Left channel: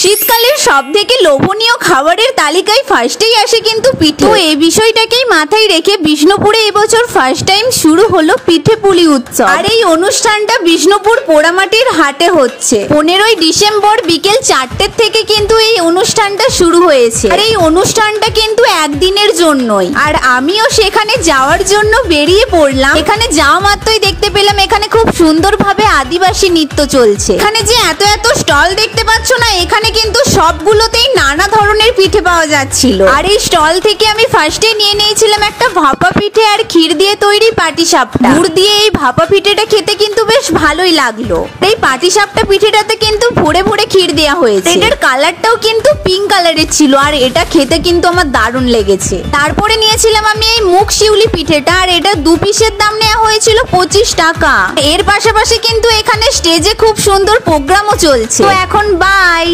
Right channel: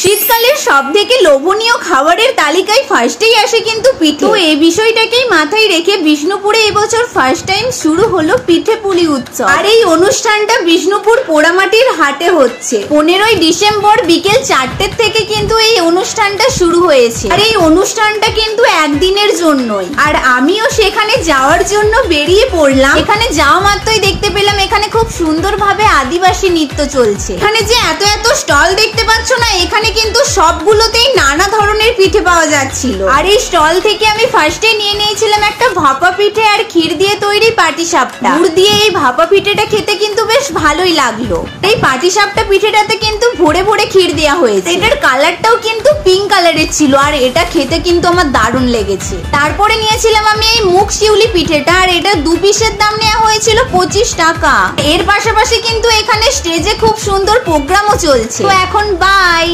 শীতকালের সবথেকে লোভনীয় খাবারের তালিকায় ফার্স্টেই আসে কিন্তু পিঠে। তো এই বিষয়টাকেই মাথায় রেখে বিষ্ণুপুরে এবছর ফার্স্ট টাইম শুরু হলো পিঠে পুলি উৎসব। আর এই অনুষ্ঠানটা বিষ্ণুপুর পোড়ামাটির হাটে হচ্ছে। 15ই ডিসেম্বর বিকেল 4টে থেকে কিন্তু এই অনুষ্ঠানটা শুরু হয়েছে। আর এই অনুষ্ঠানটা কিন্তু একদিনের জন্যই। আর আমিও সেখানে যাওয়ার জন্য বেরিয়ে পড়লাম। এখানে যাওয়া মাত্রই দেখতে পেলাম এখানে খুব সুন্দরভাবে আদিবাসী নৃত্য চলছে। এখানে যে এত এত স্টল দেখতে পাচ্ছ না, এখানে কিন্তু সবগুলোতেই নানা ধরনের পিঠে পাওয়া যাচ্ছিল। আর এই স্টল থেকে আমি ফার্স্টে নিয়ে নিয়েছিলাম একটা ভাপা পিঠে আর ক্ষীর দিয়ে তৈরি পাটিসাপটা। গুড় দিয়ে এই ভাপা পিঠেটা খেতে কিন্তু বেশ ভালোই লাগলো। এই পাটিসাপটা পিঠেটাতে কিন্তু ভরে ভরে ক্ষীর দেওয়া হয়েছে। এটার কালারটাও কিন্তু পিঙ্ক কালারের ছিল আর এটা খেতে কিন্তু আমার দারুণ লেগেছে। তারপরে নিয়েছিলাম আমি এই মুগ শিউলি পিঠেটা, আর এটা 2 পিসের দাম নেওয়া হয়েছিল 25 টাকা। এর পাশাপাশি কিন্তু এখানে স্টেজে খুব সুন্দর প্রোগ্রামও চলছে। তো এখন বাই।